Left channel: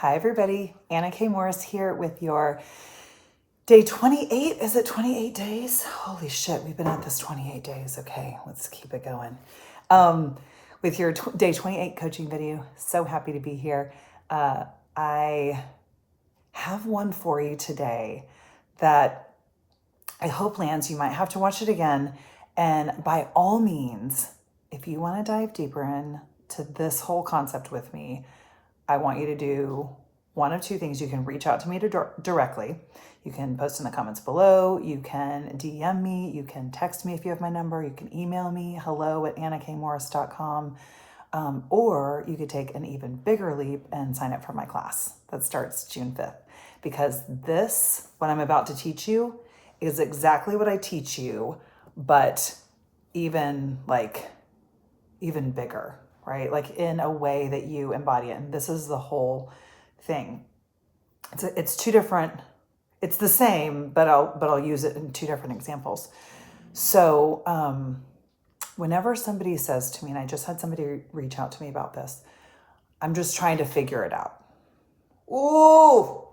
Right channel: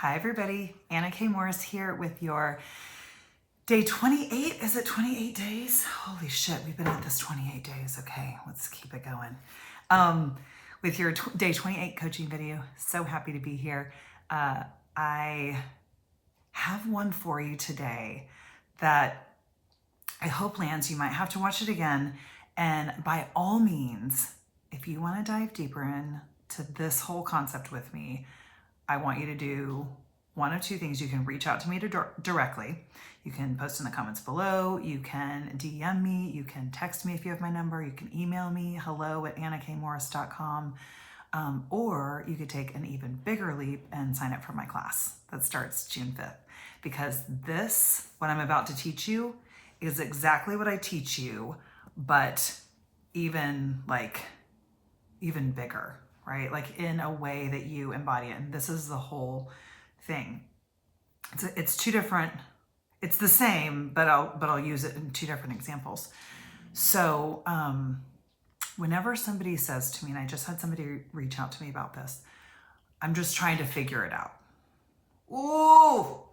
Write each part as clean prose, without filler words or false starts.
Hi, everybody. Anna K. Morris here with your day 28. Is it 28 days? Holy shit, we've been at this 28 days. Okay, let's keep it going. With your day 28 coaching video. So happy to be here. I have one for you today that I hope lands. You might have to watch it again. And by all means, if you want to dive deeper into this whole concept with me, I want you to do one of two things. You can reach out to me directly. You can post in the comments below. You can DM me. You can text me if you have my number. You can email me, hello@annakmorris.com. Or you could take an even bigger leap and sign up for my class that starts June 5th. Because this, what I'm about to teach you, is exactly what I teach you, but even bigger, right? Like in a way that you embody it. And this is the whole thing. It's two different, it's the same, but I'll use it in two different examples. So whenever somebody says to me, and I just had somebody reach out to me about this, I'm just trying to figure it out. Ooh,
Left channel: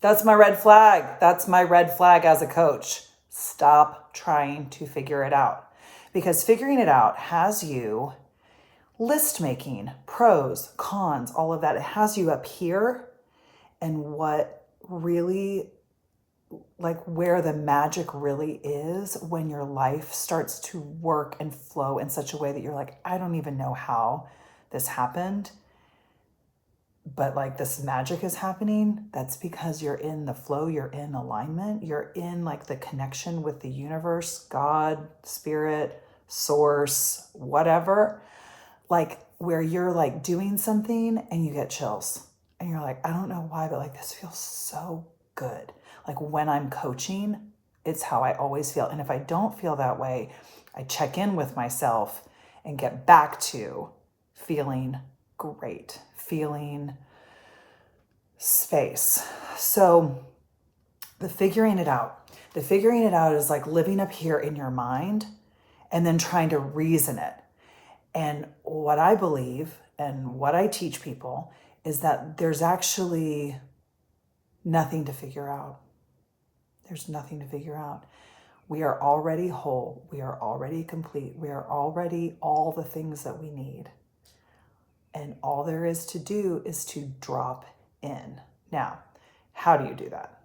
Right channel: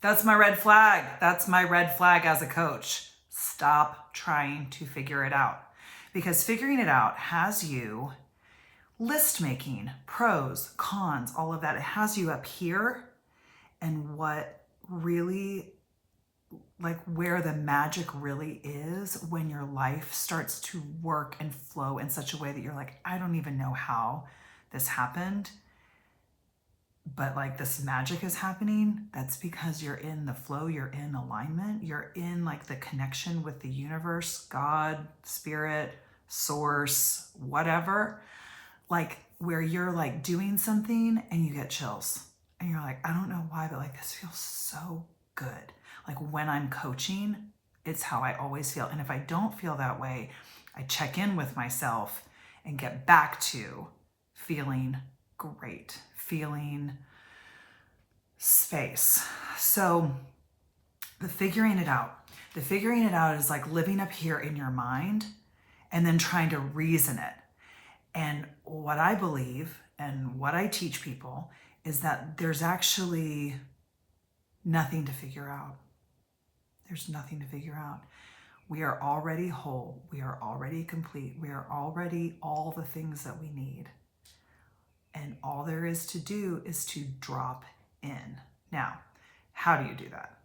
that's my red flag. That's my red flag as a coach. Stop trying to figure it out. Because figuring it out has you list making, pros, cons, all of that. It has you up here, and what really, like where the magic really is when your life starts to work and flow in such a way that you're like, I don't even know how this happened, but like this magic is happening. That's because you're in the flow, you're in alignment, you're in like the connection with the universe, God, spirit, source, whatever. Like where you're like doing something and you get chills and you're like, I don't know why, but like this feels so good. Like when I'm coaching, it's how I always feel. And if I don't feel that way, I check in with myself and get back to feeling great, feeling space. So the figuring it out is like living up here in your mind and then trying to reason it. And what I believe and what I teach people is that there's actually nothing to figure out. There's nothing to figure out. We are already whole. We are already complete. We are already all the things that we need. And all there is to do is to drop in. Now, how do you do that,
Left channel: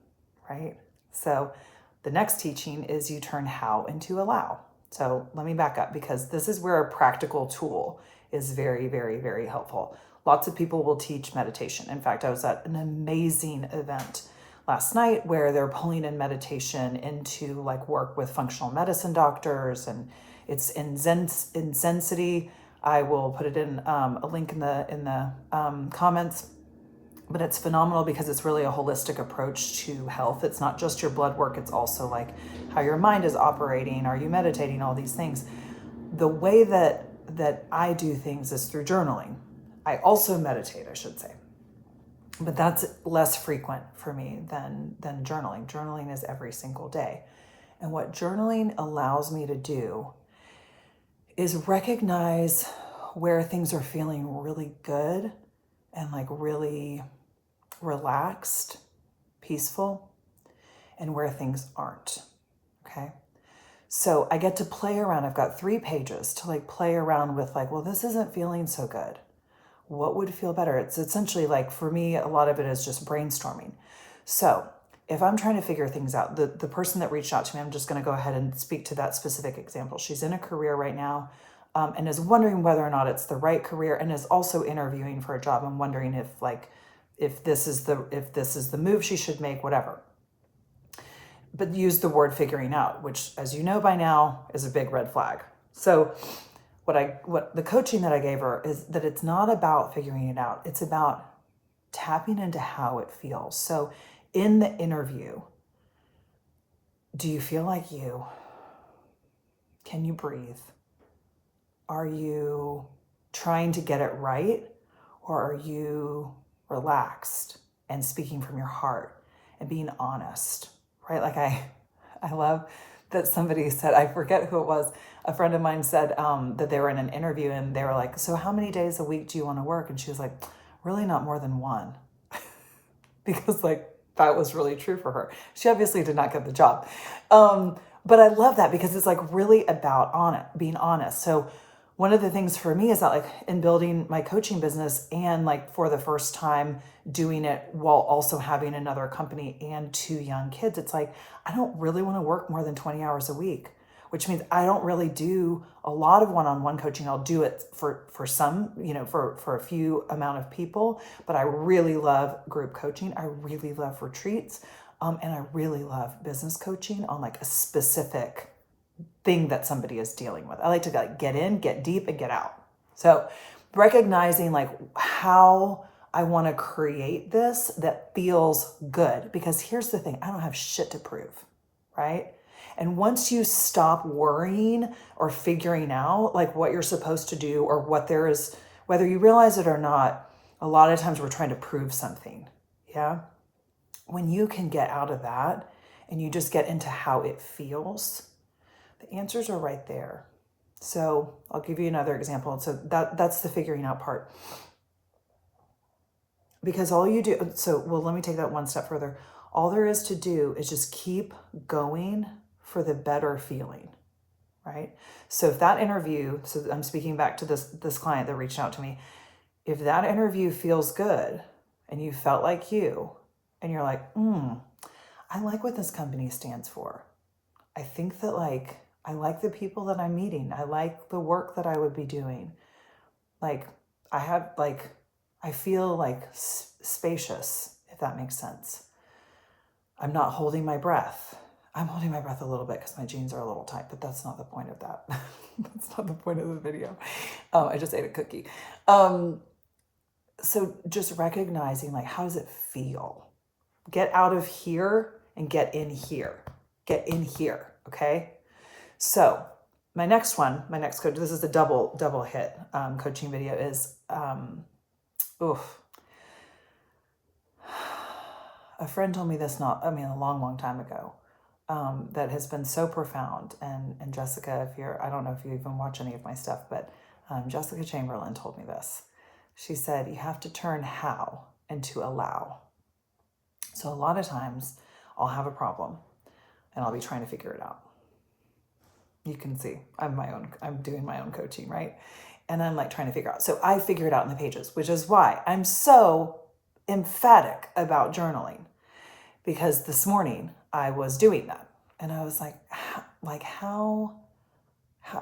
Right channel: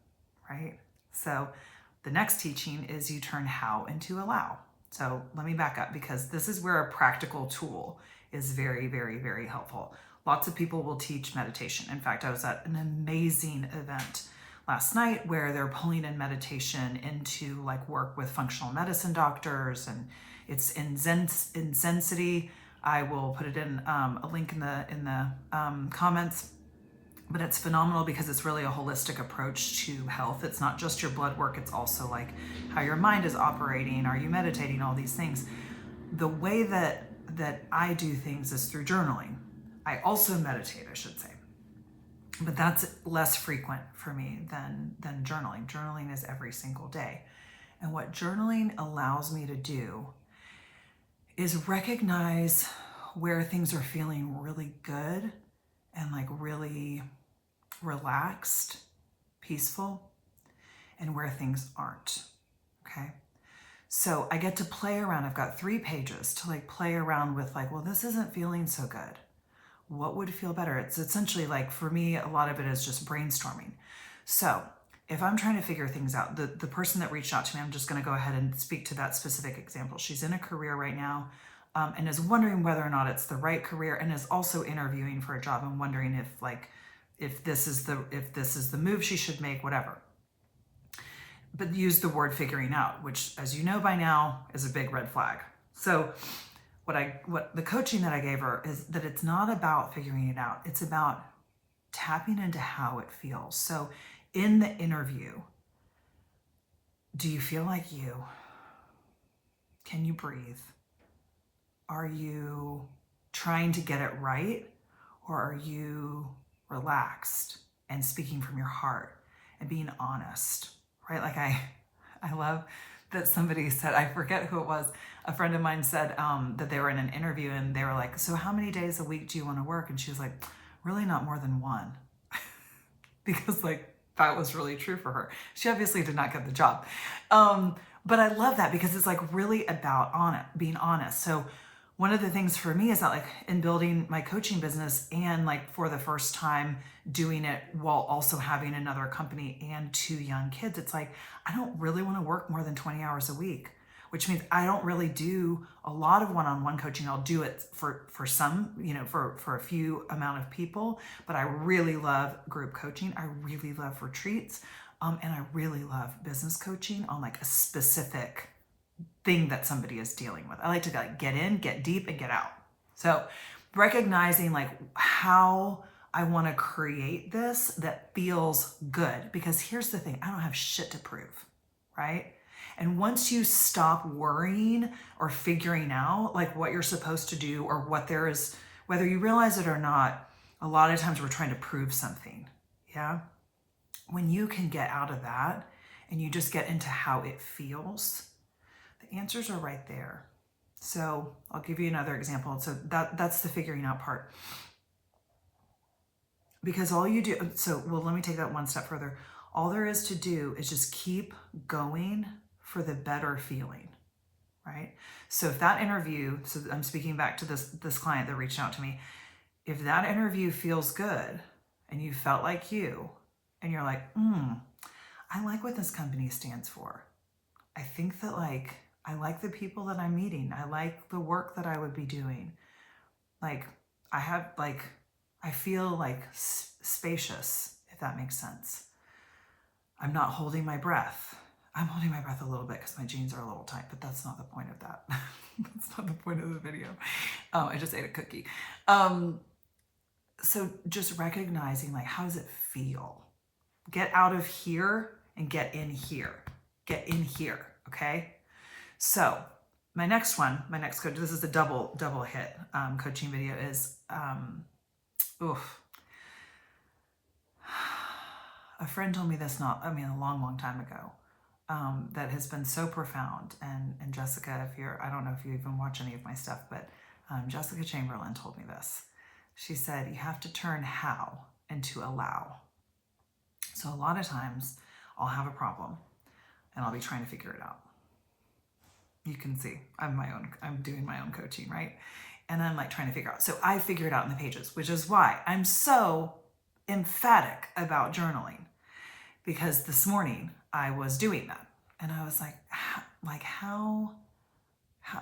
right? So the next teaching is you turn how into allow. So let me back up, because this is where a practical tool is very, very, very helpful. Lots of people will teach meditation. In fact, I was at an amazing event last night where they're pulling in meditation into like work with functional medicine doctors, and it's in Zensity. I will put it in a link in the comments. But it's phenomenal because it's really a holistic approach to health. It's not just your blood work. It's also like how your mind is operating. Are you meditating? All these things. The way that I do things is through journaling. I also meditate, I should say. But that's less frequent for me than journaling. Journaling is every single day. And what journaling allows me to do is recognize where things are feeling really good and like really relaxed, peaceful, and where things aren't. Okay. So I get to play around. I've got 3 pages to like play around with like, well, this isn't feeling so good. What would feel better? It's essentially like, for me, a lot of it is just brainstorming. So if I'm trying to figure things out, the person that reached out to me, I'm just going to go ahead and speak to that specific example. She's in a career right now and is wondering whether or not it's the right career, and is also interviewing for a job and wondering if this is the move she should make, whatever. But use the word figuring out, which, as you know by now, is a big red flag. So what the coaching that I gave her is that it's not about figuring it out. It's about tapping into how it feels. So in the interview, do you feel like you? Can you breathe? Are you trying to get it right? Or are you relaxed and speaking from your heart and being honest, right? Like I love that somebody said, I forget who it was, a friend of mine said that they were in an interview and they were like, so how many days a week do you want to work? And she was like, really not more than 1. because like that was really true for her. She obviously did not get the job. But I love that because it's like really about being honest. So one of the things for me is that like in building my coaching business and like for the first time doing it while also having another company and 2 young kids, it's like, I don't really want to work more than 20 hours a week, which means I don't really do a lot of one-on-one coaching. I'll do it for some, for a few amount of people, but I really love group coaching. I really love retreats. And I really love business coaching on like a specific thing that somebody is dealing with. I like to like get in, get deep, and get out. So recognizing like how I want to create this that feels good, because here's the thing, I don't have shit to prove, right? And once you stop worrying or figuring out like what you're supposed to do or what there is, whether you realize it or not, a lot of times we're trying to prove something. Yeah. When you can get out of that and you just get into how it feels, the answers are right there. So I'll give you another example. So that's the figuring out part. Because all you do, let me take that one step further. All there is to do is just keep going for the better feeling, right? So if that interview, so I'm speaking back to this client that reached out to me, if that interview feels good and you felt like you, and you're like, I like what this company stands for. I think that like, I like the people that I'm meeting. I like the work that I would be doing. Like I feel like spacious, if that makes sense. I'm not holding my breath. I'm holding my breath a little bit because my jeans are a little tight, but that's not the point of that. That's not the point of the video. I just ate a cookie. So just recognizing like, how does it feel? Get out of here and get in here. Get in here, okay? So my next coach, this is a double hit coaching video is, a friend told me this a long time ago, that has been so profound. And Jessica, I don't know if you even watch any of my stuff, but Jessica Chamberlain told me this. She said, you have to turn how into allow. So a lot of times I'll have a problem and I'll be trying to figure it out. You can see I'm doing my own coaching, right? And I'm like trying to figure out. So I figure it out in the pages, which is why I'm so emphatic about journaling, because this morning I was doing that and I was like, how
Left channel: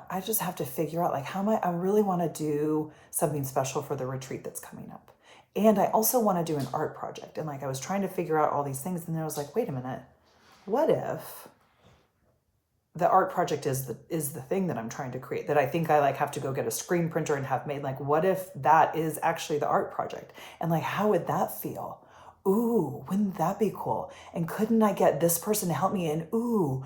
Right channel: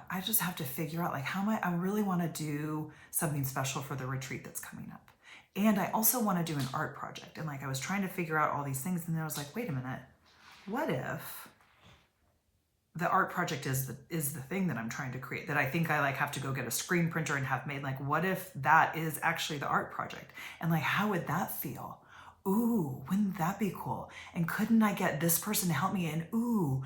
I just have to figure out like, I really want to do something special for the retreat that's coming up. And I also want to do an art project. And like, I was trying to figure out all these things. And then I was like, wait a minute, what if the art project is the thing that I'm trying to create, that I think I like have to go get a screen printer and have made? Like, what if that is actually the art project? And like, how would that feel? Ooh, wouldn't that be cool? And couldn't I get this person to help me? And ooh,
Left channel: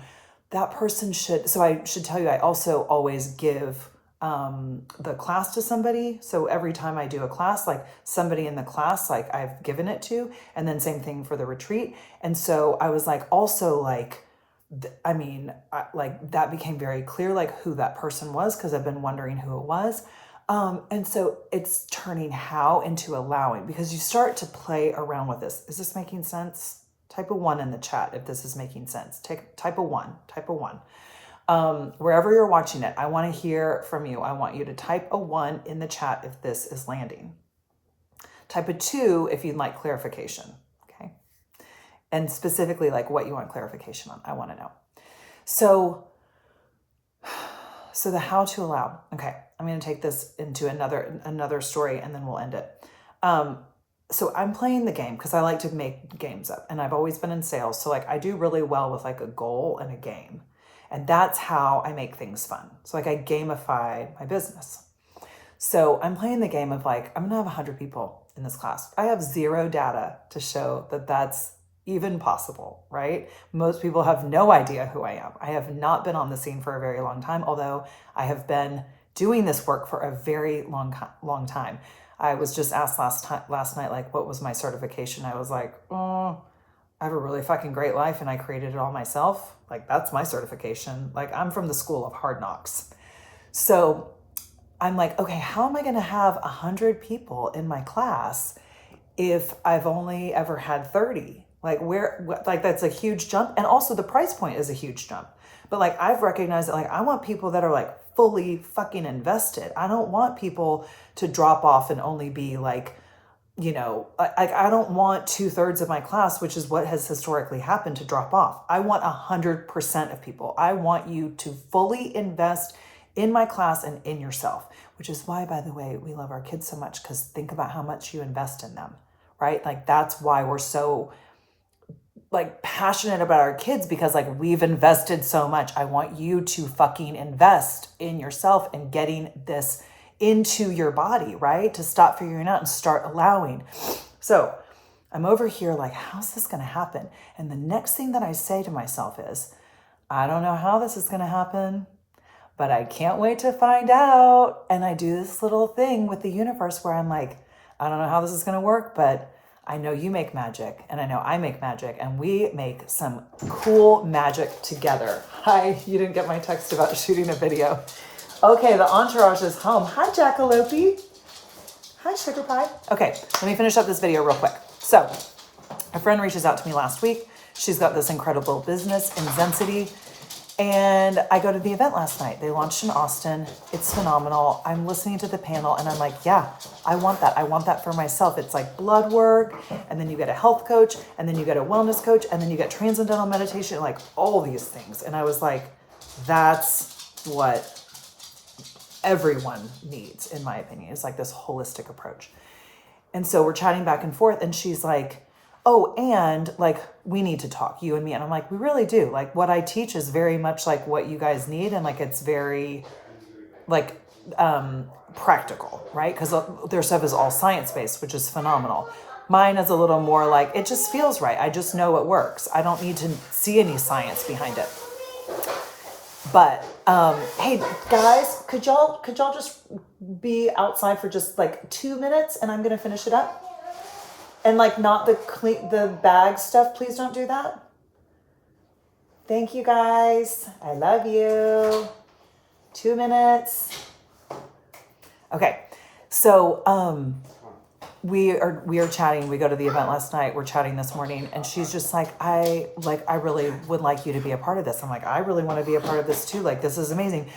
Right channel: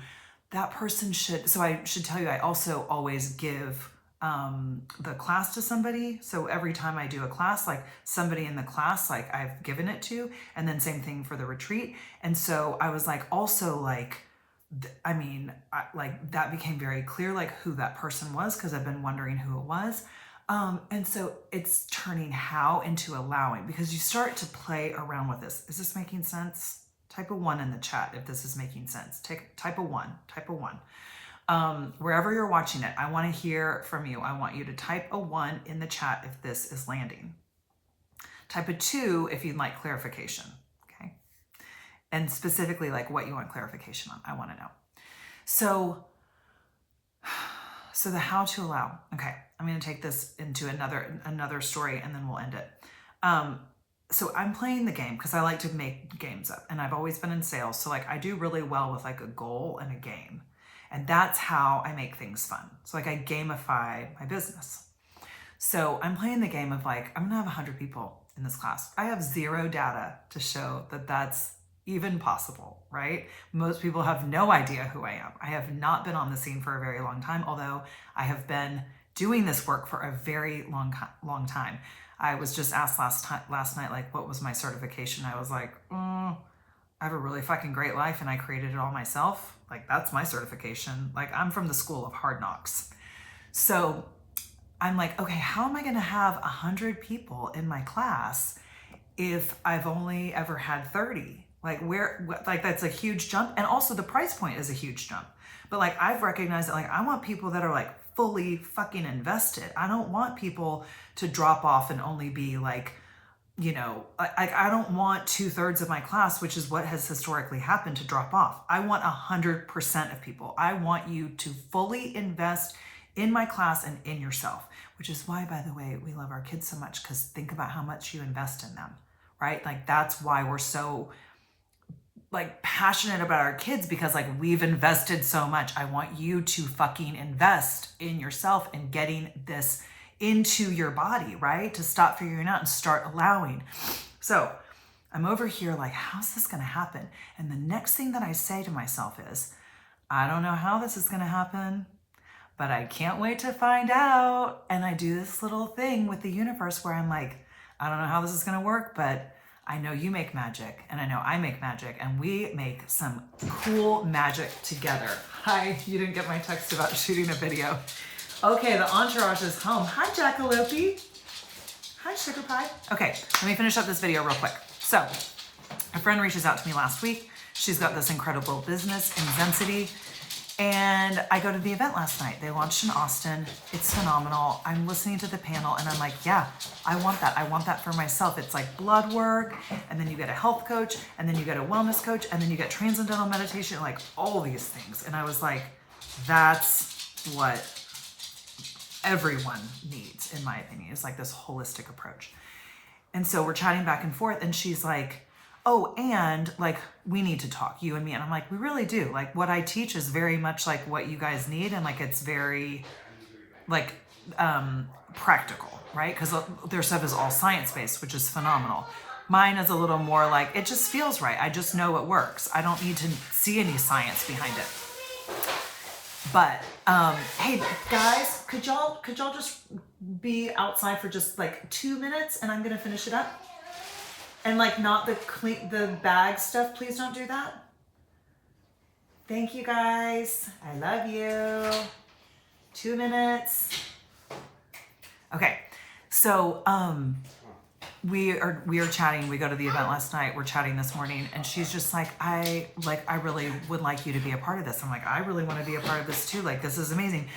that person should. So I should tell you, I also always give the class to somebody. So every time I do a class, like somebody in the class, like I've given it to, and then same thing for the retreat. And so I was like, also like, that became very clear, like who that person was, because I've been wondering who it was. And so it's turning how into allowing, because you start to play around with this. Is this making sense? Type a 1 in the chat if this is making sense. Type a 1. Wherever you're watching it, I want to hear from you. I want you to type a 1 in the chat if this is landing. Type a 2 if you'd like clarification. Okay. And specifically like what you want clarification on. I want to know. So the how to allow. Okay. I'm going to take this into another story and then we'll end it. So I'm playing the game because I like to make games up, and I've always been in sales. So like I do really well with like a goal and a game, and that's how I make things fun. So like I gamify my business. So I'm playing the game of like, I'm going to have 100 people in this class. I have zero data to show that that's even possible, right? Most people have no idea who I am. I have not been on the scene for a very long time, although I have been doing this work for a very long time. I was just asked last night, like, what was my certification? I was like, I have a really fucking great life and I created it all myself. Like, that's my certification. Like, I'm from the school of hard knocks. So I'm like, okay, how am I going to have 100 people in my class if I've only ever had 30? Like like that's a huge jump. And also the price point is a huge jump. But like I've recognized that like I want people that are like fully fucking invested. I don't want people to drop off and only be like, I don't want 2/3 of my class, which is what has historically happened, to drop off. I want 100% of people. I want you to fully invest in my class and in yourself, which is why, by the way, we love our kids so much, because think about how much you invest in them, right? Like that's why we're so like passionate about our kids, because like we've invested so much. I want you to fucking invest in yourself and getting this into your body, right? To stop figuring out and start allowing. So I'm over here like, how's this going to happen? And the next thing that I say to myself is, I don't know how this is going to happen, but I can't wait to find out. And I do this little thing with the universe where I'm like, I don't know how this is going to work, but I know you make magic and I know I make magic, and we make some cool magic together. Hi, you didn't get my text about shooting a video. Okay, the entourage is home. Hi, Jackalope. Hi, Sugar Pie. Okay, let me finish up this video real quick. So, a friend reaches out to me last week. She's got this incredible business in Zensity. And I go to the event last night. They launched in Austin. It's phenomenal. I'm listening to the panel and I'm like, yeah, I want that. I want that for myself. It's like blood work, and then you get a health coach, and then you get a wellness coach, and then you get transcendental meditation, like all these things. And I was like, that's what everyone needs, in my opinion. It's like this holistic approach. And so we're chatting back and forth, and she's like, oh, and like, we need to talk, you and me. And I'm like, we really do. Like what I teach is very much like what you guys need. And like, it's very like practical, right? Because their stuff is all science-based, which is phenomenal. Mine is a little more like, it just feels right. I just know it works. I don't need to see any science behind it. But hey guys, could y'all just be outside for just like 2 minutes, and I'm gonna finish it up? And like not the bag stuff, please don't do that. Thank you guys. I love you. 2 minutes. Okay. So we are chatting. We go to the event last night. We're chatting this morning, and she's just like, I really would like you to be a part of this. I'm like, I really want to be a part of this too. Like, this is amazing.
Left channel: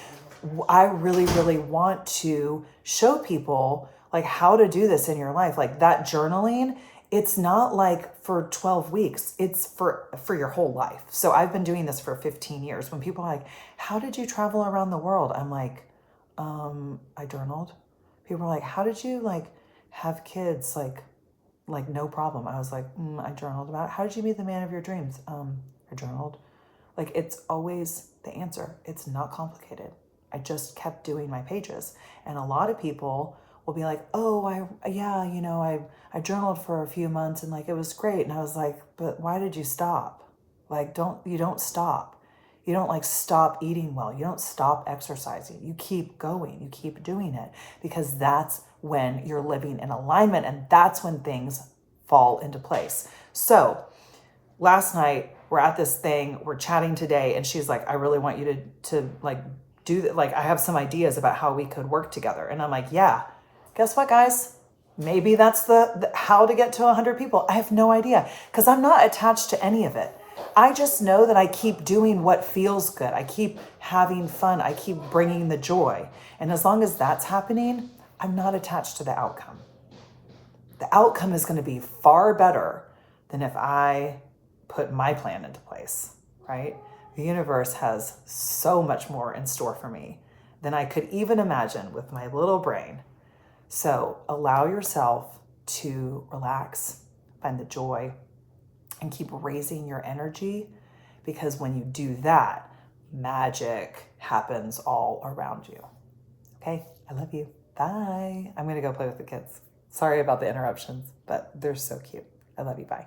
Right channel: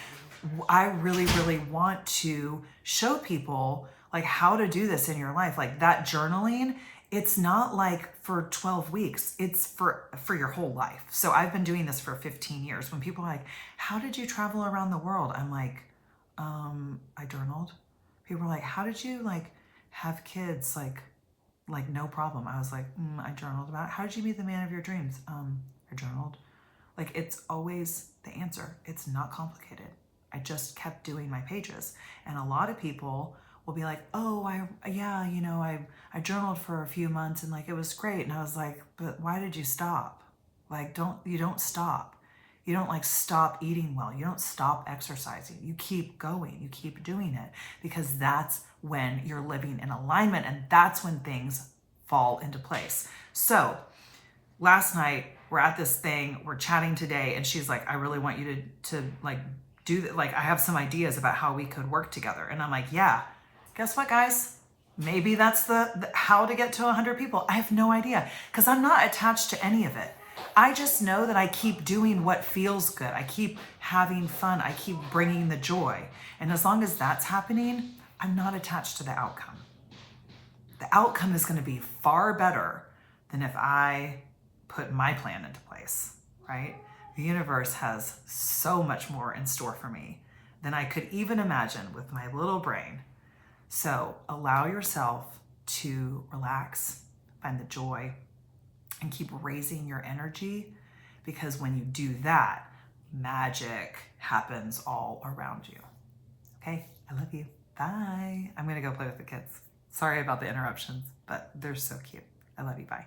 I really, really want to show people like how to do this in your life. Like that journaling, it's not like for 12 weeks, it's for your whole life. So I've been doing this for 15 years. When people are like, how did you travel around the world? I'm like, I journaled. People are like, how did you like have kids? Like no problem. I was like, I journaled about it. How did you meet the man of your dreams? I journaled. Like, it's always the answer. It's not complicated. I just kept doing my pages. And a lot of people will be like, oh, I journaled for a few months and like, it was great. And I was like, but why did you stop? Like, you don't stop. You don't like stop eating well. You don't stop exercising. You keep going. You keep doing it, because that's when you're living in alignment, and that's when things fall into place. So last night we're at this thing, we're chatting today, and she's like, I really want you to like do that. Like, I have some ideas about how we could work together. And I'm like, yeah, guess what, guys? Maybe that's the how to get to 100 people. I have no idea, because I'm not attached to any of it. I just know that I keep doing what feels good. I keep having fun. I keep bringing the joy. And as long as that's happening, I'm not attached to the outcome. The outcome is going to be far better than if I put my plan into place, right? The universe has so much more in store for me than I could even imagine with my little brain. So allow yourself to relax, find the joy, and keep raising your energy, because when you do that, magic happens all around you. Okay, I love you. Bye. I'm going to go play with the kids. Sorry about the interruptions, but they're so cute. I love you. Bye.